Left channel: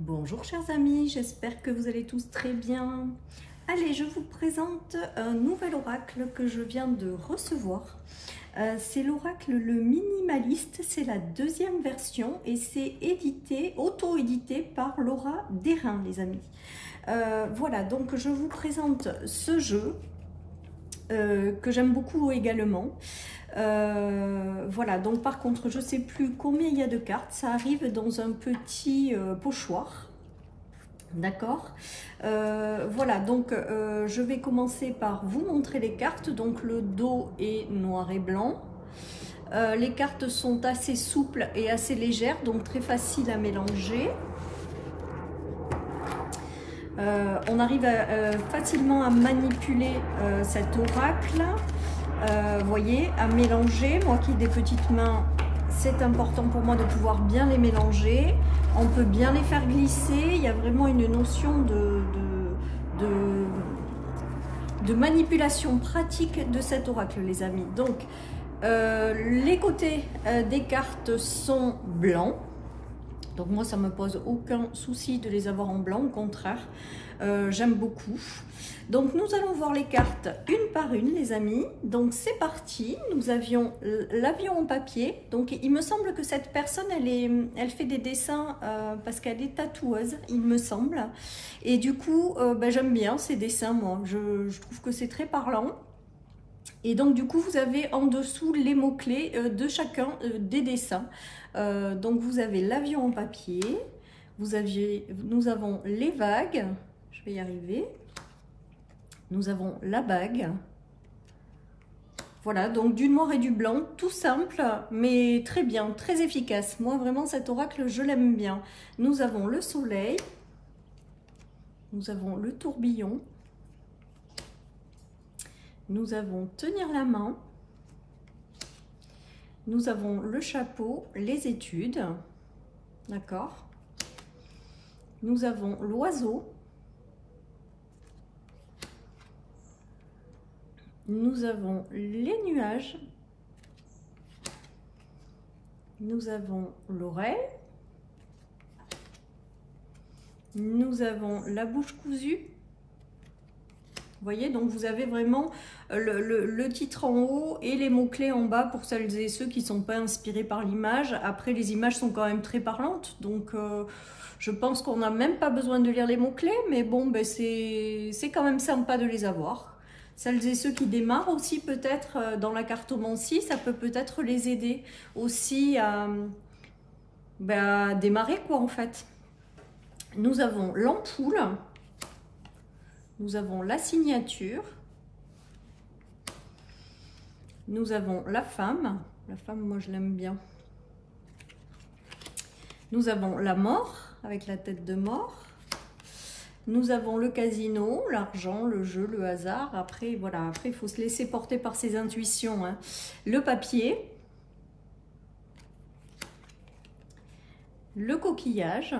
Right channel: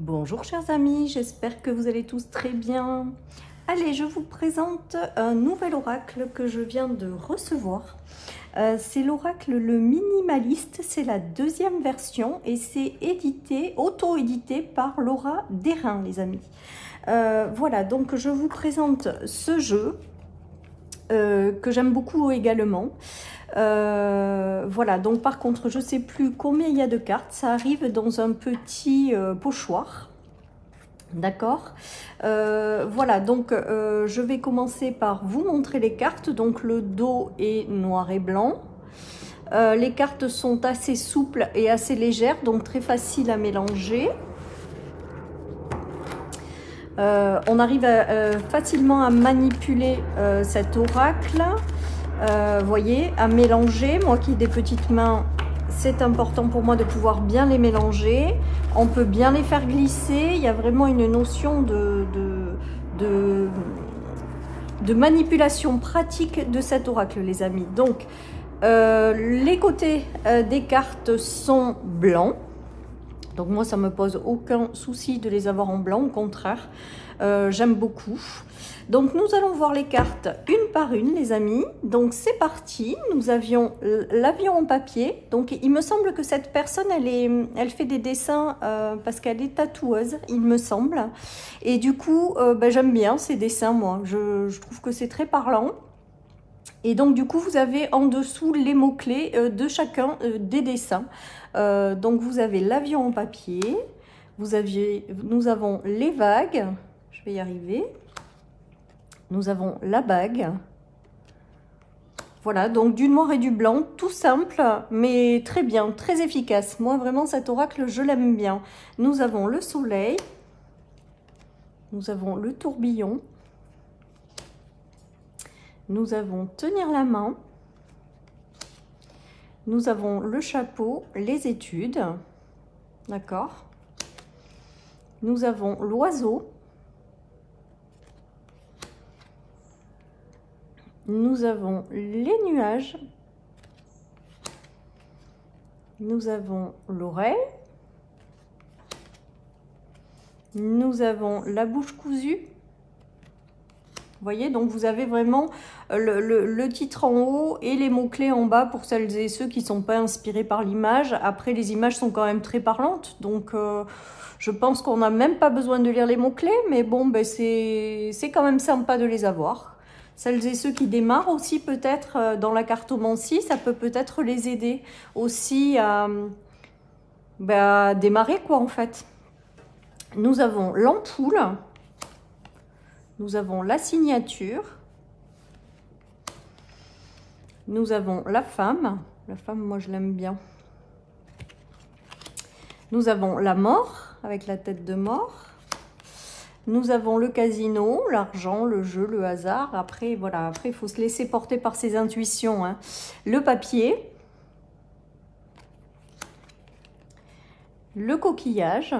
Bonjour chers amis, j'espère que vous allez tous très bien. Allez, je vous présente un nouvel oracle que je viens de recevoir. C'est l'oracle Le Minimaliste, c'est la deuxième version et c'est édité, auto-édité par Laura Derain les amis. Voilà, donc je vous présente ce jeu que j'aime beaucoup également. Voilà, donc par contre je sais plus combien il y a de cartes, ça arrive dans un petit pochoir, d'accord. Voilà, donc je vais commencer par vous montrer les cartes. Donc le dos est noir et blanc, les cartes sont assez souples et assez légères, donc très facile à mélanger. On arrive facilement à manipuler cet oracle. Voyez, à mélanger. Moi qui ai des petites mains, c'est important pour moi de pouvoir bien les mélanger. On peut bien les faire glisser. Il y a vraiment une notion de manipulation pratique de cet oracle, les amis. Donc, les côtés des cartes sont blancs. Donc moi, ça me pose aucun souci de les avoir en blanc, au contraire. J'aime beaucoup. Donc nous allons voir les cartes une par une les amis. Donc c'est parti, nous avions l'avion en papier. Donc il me semble que cette personne elle fait des dessins parce qu'elle est tatoueuse, il me semble. Et du coup j'aime bien ces dessins, moi je trouve que c'est très parlant. Et donc du coup vous avez en dessous les mots-clés de chacun des dessins. Donc vous avez l'avion en papier, nous avons les vagues, je vais y arriver. Nous avons la bague. Voilà, donc du noir et du blanc, tout simple, mais très bien, très efficace. Moi, vraiment, cet oracle, je l'aime bien. Nous avons le soleil. Nous avons le tourbillon. Nous avons tenir la main. Nous avons le chapeau, les études. D'accord. Nous avons l'oiseau. Nous avons les nuages, nous avons l'oreille, nous avons la bouche cousue. Vous voyez, donc vous avez vraiment le titre en haut et les mots-clés en bas pour celles et ceux qui ne sont pas inspirés par l'image. Après, les images sont quand même très parlantes, donc je pense qu'on n'a même pas besoin de lire les mots-clés, mais bon, c'est quand même sympa de les avoir. Celles et ceux qui démarrent aussi peut-être dans la cartomancie, ça peut peut-être les aider aussi à démarrer quoi en fait. Nous avons l'ampoule, nous avons la signature, nous avons la femme moi je l'aime bien. Nous avons la mort avec la tête de mort. Nous avons le casino, l'argent, le jeu, le hasard. Après, voilà, après, il faut se laisser porter par ses intuitions. Hein. Le papier. Le coquillage.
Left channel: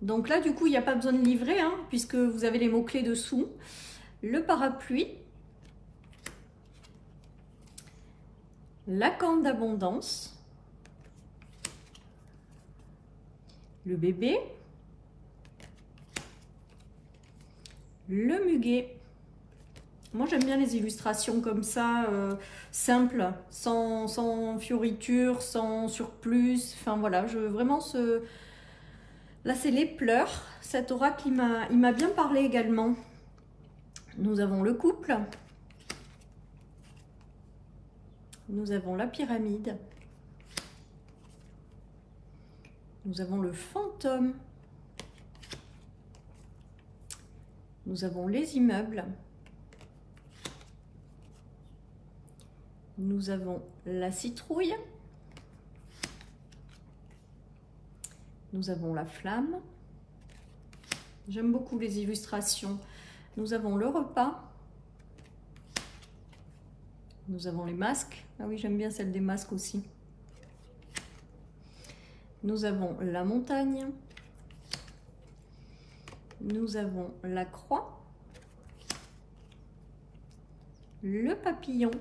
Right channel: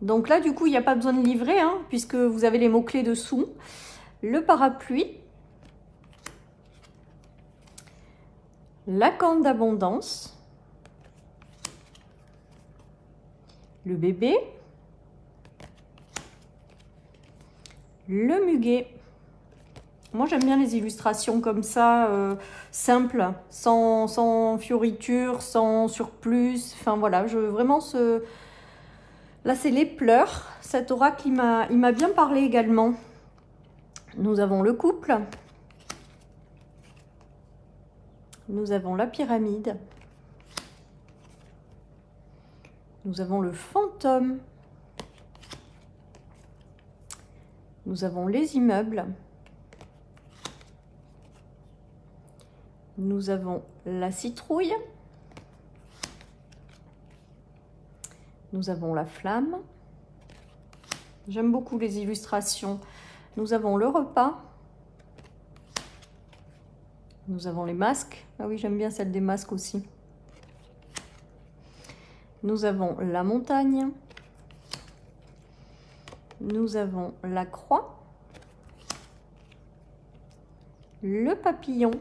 Donc là, du coup, il n'y a pas besoin de livrer, hein, puisque vous avez les mots-clés dessous. Le parapluie. La corne d'abondance. Le bébé. Le muguet. Moi j'aime bien les illustrations comme ça, simples, sans fioritures, sans surplus. Enfin voilà, vraiment là c'est les pleurs. Cet oracle il m'a bien parlé également. Nous avons le couple. Nous avons la pyramide. Nous avons le fantôme. Nous avons les immeubles. Nous avons la citrouille. Nous avons la flamme. J'aime beaucoup les illustrations. Nous avons le repas. Nous avons les masques. Ah oui, j'aime bien celle des masques aussi. Nous avons la montagne. Nous avons la croix, le papillon,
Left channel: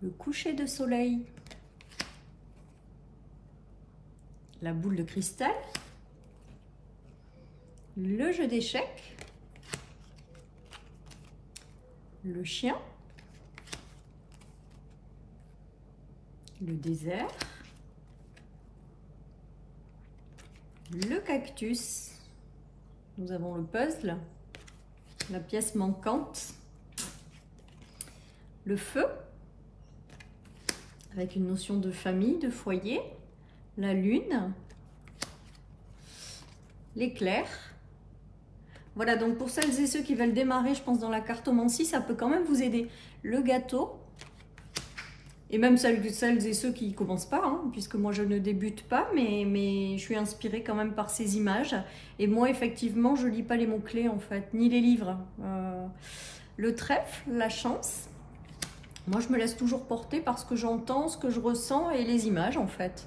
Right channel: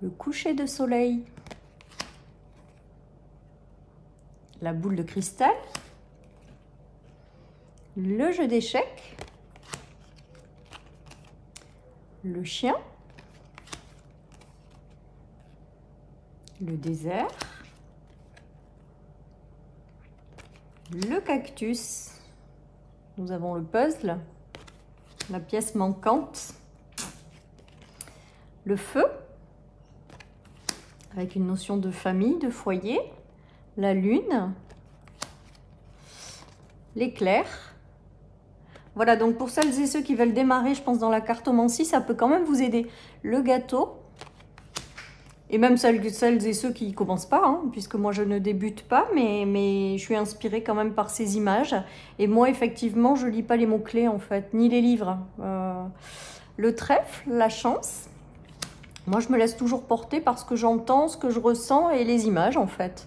le coucher de soleil, la boule de cristal, le jeu d'échecs, le chien, le désert, le cactus, nous avons le puzzle, la pièce manquante, le feu, avec une notion de famille, de foyer, la lune, l'éclair. Voilà, donc pour celles et ceux qui veulent démarrer, je pense dans la cartomancie, ça peut quand même vous aider. Le gâteau, et même celles et ceux qui ne commencent pas, hein, puisque moi je ne débute pas, mais je suis inspirée quand même par ces images. Et moi, effectivement, je ne lis pas les mots-clés, en fait, ni les livres. Le trèfle, la chance. Moi, je me laisse toujours porter parce que j'entends, ce que je ressens et les images, en fait.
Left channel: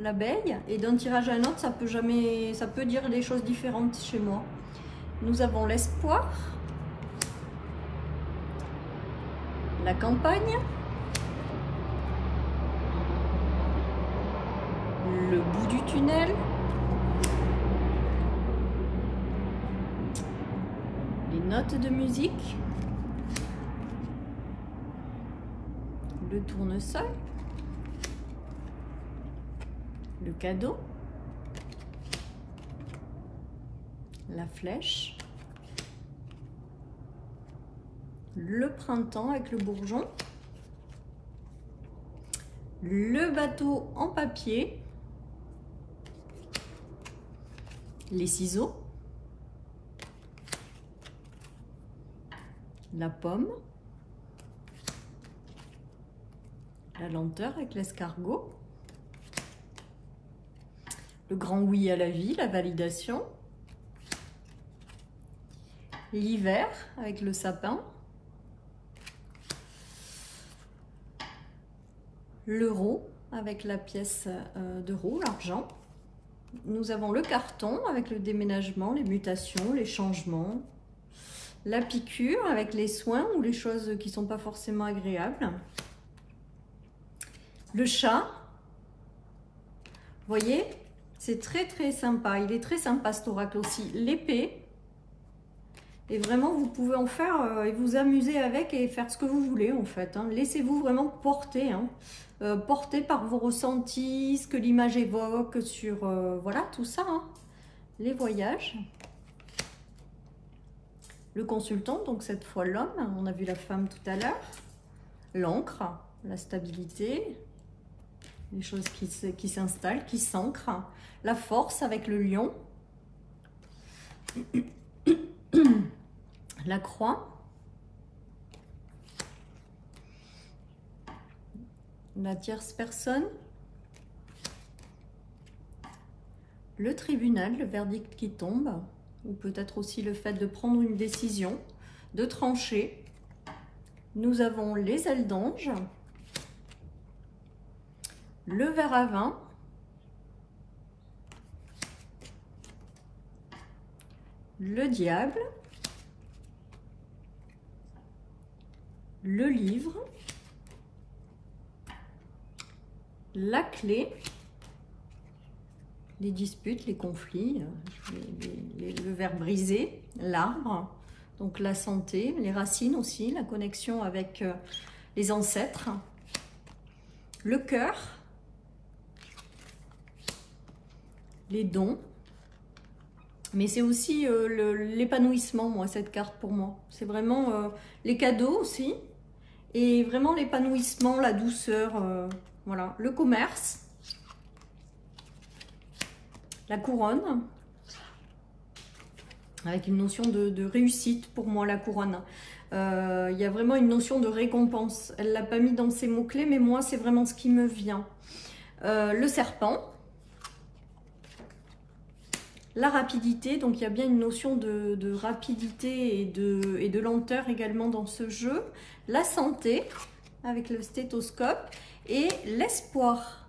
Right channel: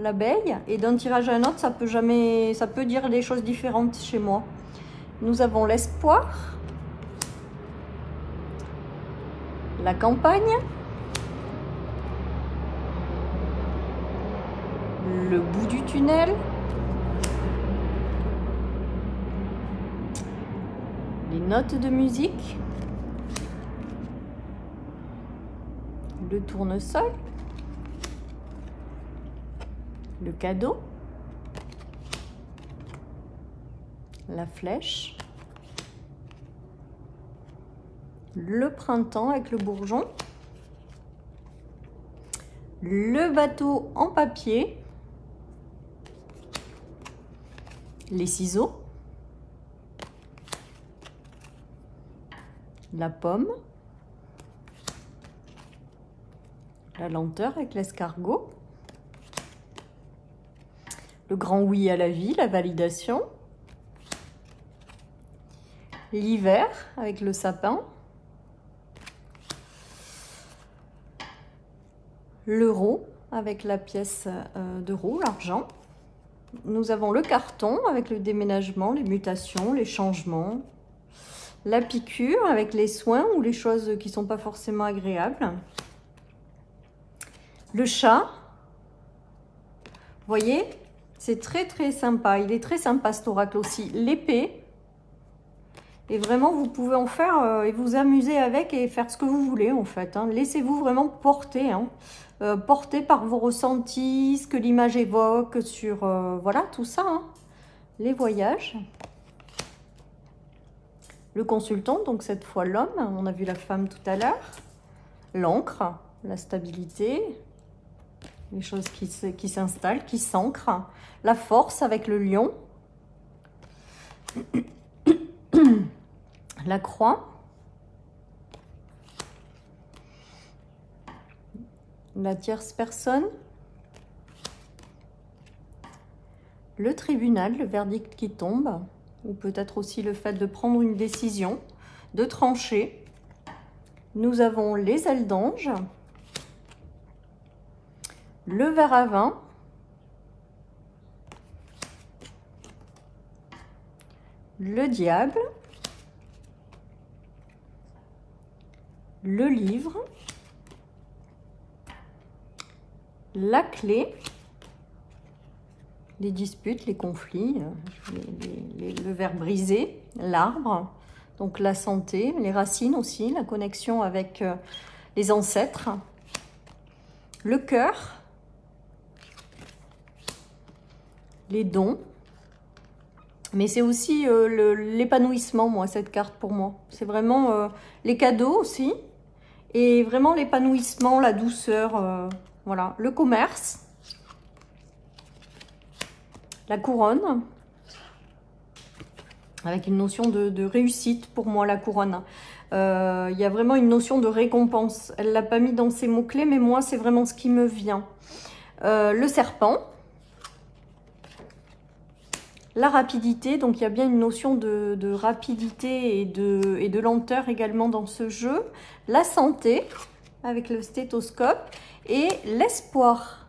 L'abeille, et d'un tirage à un autre, ça peut dire des choses différentes chez moi. Nous avons l'espoir, la campagne, le bout du tunnel, les notes de musique, le tournesol, le cadeau, la flèche, le printemps avec le bourgeon, le bateau en papier, les ciseaux, la pomme, la lenteur avec l'escargot, le grand oui à la vie, la validation, l'hiver avec le sapin, l'euro avec la pièce d'euro, l'argent. Nous avons le carton avec le déménagement, les mutations, les changements, la piqûre avec les soins ou les choses qui ne sont pas forcément agréables, le chat. Vous voyez, c'est très sympa, il est très sympa cet oracle aussi. L'épée, et vraiment vous pouvez en faire et vous amuser avec et faire ce que vous voulez en fait, hein. Laissez-vous vraiment porter, hein. Porté par vos ressentis, ce que l'image évoque sur, voilà, tout ça, hein. Les voyages. Le consultant, donc cette fois l'homme, on a vu la femme tout à l'heure. L'encre, la stabilité, les choses qui s'installent, qui s'ancrent. La force avec le lion. La croix. La tierce personne, le tribunal, le verdict qui tombe, ou peut-être aussi le fait de prendre une décision, de trancher. Nous avons les ailes d'ange, le verre à vin, le diable, le livre, la clé, les disputes, les conflits, le verre brisé, l'arbre, donc la santé, les racines aussi, la connexion avec les ancêtres, le cœur, les dons, mais c'est aussi l'épanouissement, moi, cette carte pour moi. C'est vraiment les cadeaux aussi, et vraiment l'épanouissement, la douceur. Voilà, le commerce, la couronne, avec une notion de réussite pour moi, la couronne. Il y a vraiment une notion de récompense. Elle ne l'a pas mis dans ses mots-clés, mais moi, c'est vraiment ce qui me vient. Le serpent, la rapidité, donc il y a bien une notion de rapidité et de lenteur également dans ce jeu. La santé, avec le stéthoscope. Et l'espoir.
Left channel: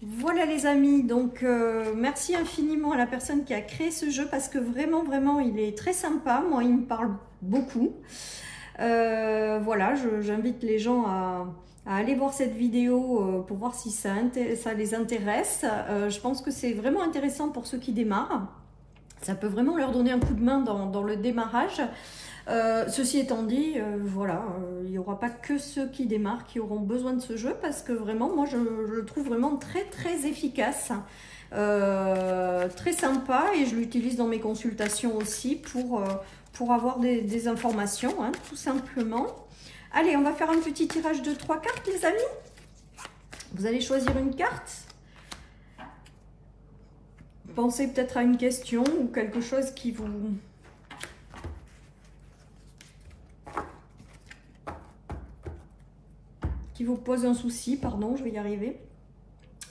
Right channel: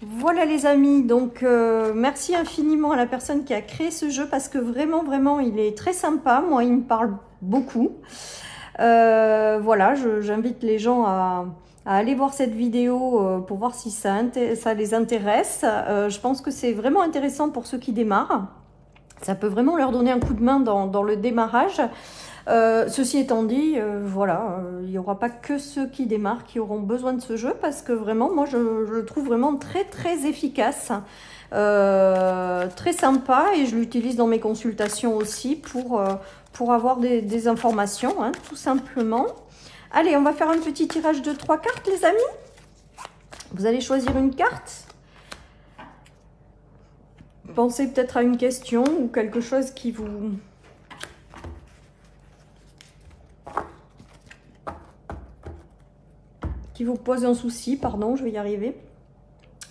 Voilà les amis, donc merci infiniment à la personne qui a créé ce jeu parce que vraiment il est très sympa, moi il me parle beaucoup. Voilà, j'invite les gens à aller voir cette vidéo pour voir si ça les intéresse. Je pense que c'est vraiment intéressant pour ceux qui démarrent. Ça peut vraiment leur donner un coup de main dans le démarrage. Ceci étant dit, voilà, il n'y aura pas que ceux qui démarrent qui auront besoin de ce jeu, parce que vraiment, moi, je le trouve vraiment très, très efficace, très sympa, et je l'utilise dans mes consultations aussi pour avoir des informations, hein, tout simplement. Allez, on va faire un petit tirage de 3 cartes, les amis. Vous allez choisir une carte. Pensez peut-être à une question ou quelque chose qui vous pose un souci, pardon, je vais y arriver.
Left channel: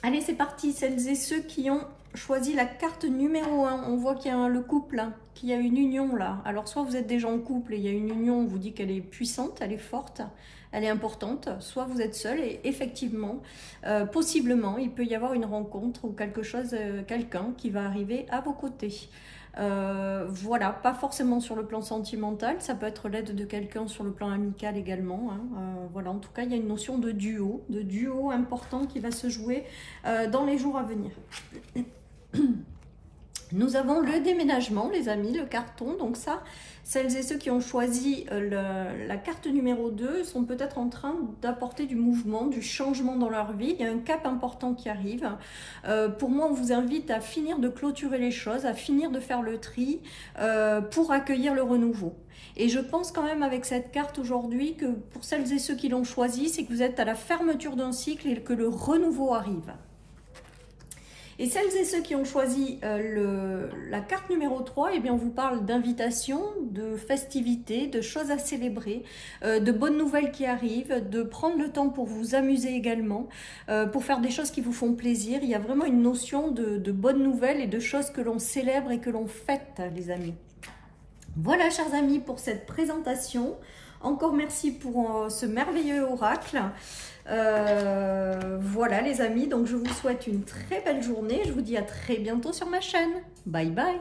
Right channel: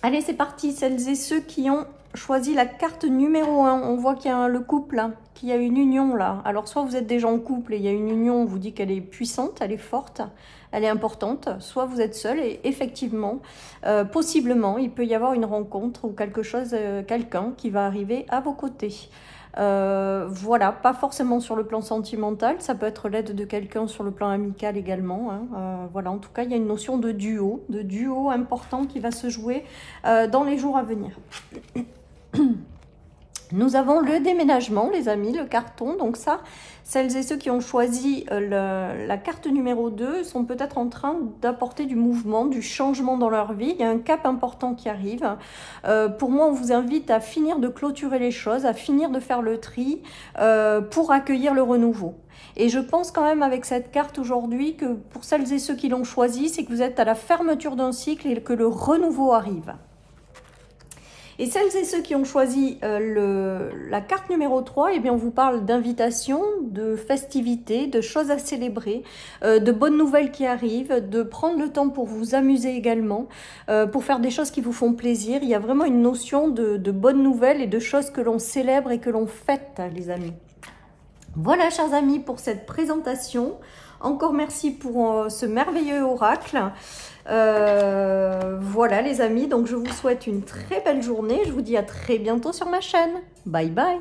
Allez, c'est parti, celles et ceux qui ont choisi la carte numéro 1. On voit qu'il y a le couple, hein, qu'il y a une union là. Alors, soit vous êtes déjà en couple et il y a une union, on vous dit qu'elle est puissante, elle est forte, elle est importante. Soit vous êtes seul et effectivement, possiblement, il peut y avoir une rencontre ou quelque chose, quelqu'un qui va arriver à vos côtés. Voilà, pas forcément sur le plan sentimental, ça peut être l'aide de quelqu'un sur le plan amical également, hein. Voilà, en tout cas il y a une notion de duo important qui va se jouer dans les jours à venir. Nous avons le déménagement, les amis, le carton. Donc ça, celles et ceux qui ont choisi la carte numéro 2 sont peut-être en train d'apporter du mouvement, du changement dans leur vie. Il y a un cap important qui arrive. Pour moi, on vous invite à finir de clôturer les choses, à finir de faire le tri pour accueillir le renouveau. Et je pense quand même avec cette carte aujourd'hui que pour celles et ceux qui l'ont choisi, c'est que vous êtes à la fermeture d'un cycle et que le renouveau arrive. Et celles et ceux qui ont choisi la carte numéro 3, eh bien on vous parle d'invitation, de festivités, de choses à célébrer, de bonnes nouvelles qui arrivent, de prendre le temps pour vous amuser également, pour faire des choses qui vous font plaisir. Il y a vraiment une notion de bonnes nouvelles et de choses que l'on célèbre et que l'on fête, les amis. Voilà, chers amis, pour cette présentation. Encore merci pour ce merveilleux oracle. Voilà les amis, donc je vous souhaite une très belle journée. Je vous dis à très bientôt sur ma chaîne. Bye bye.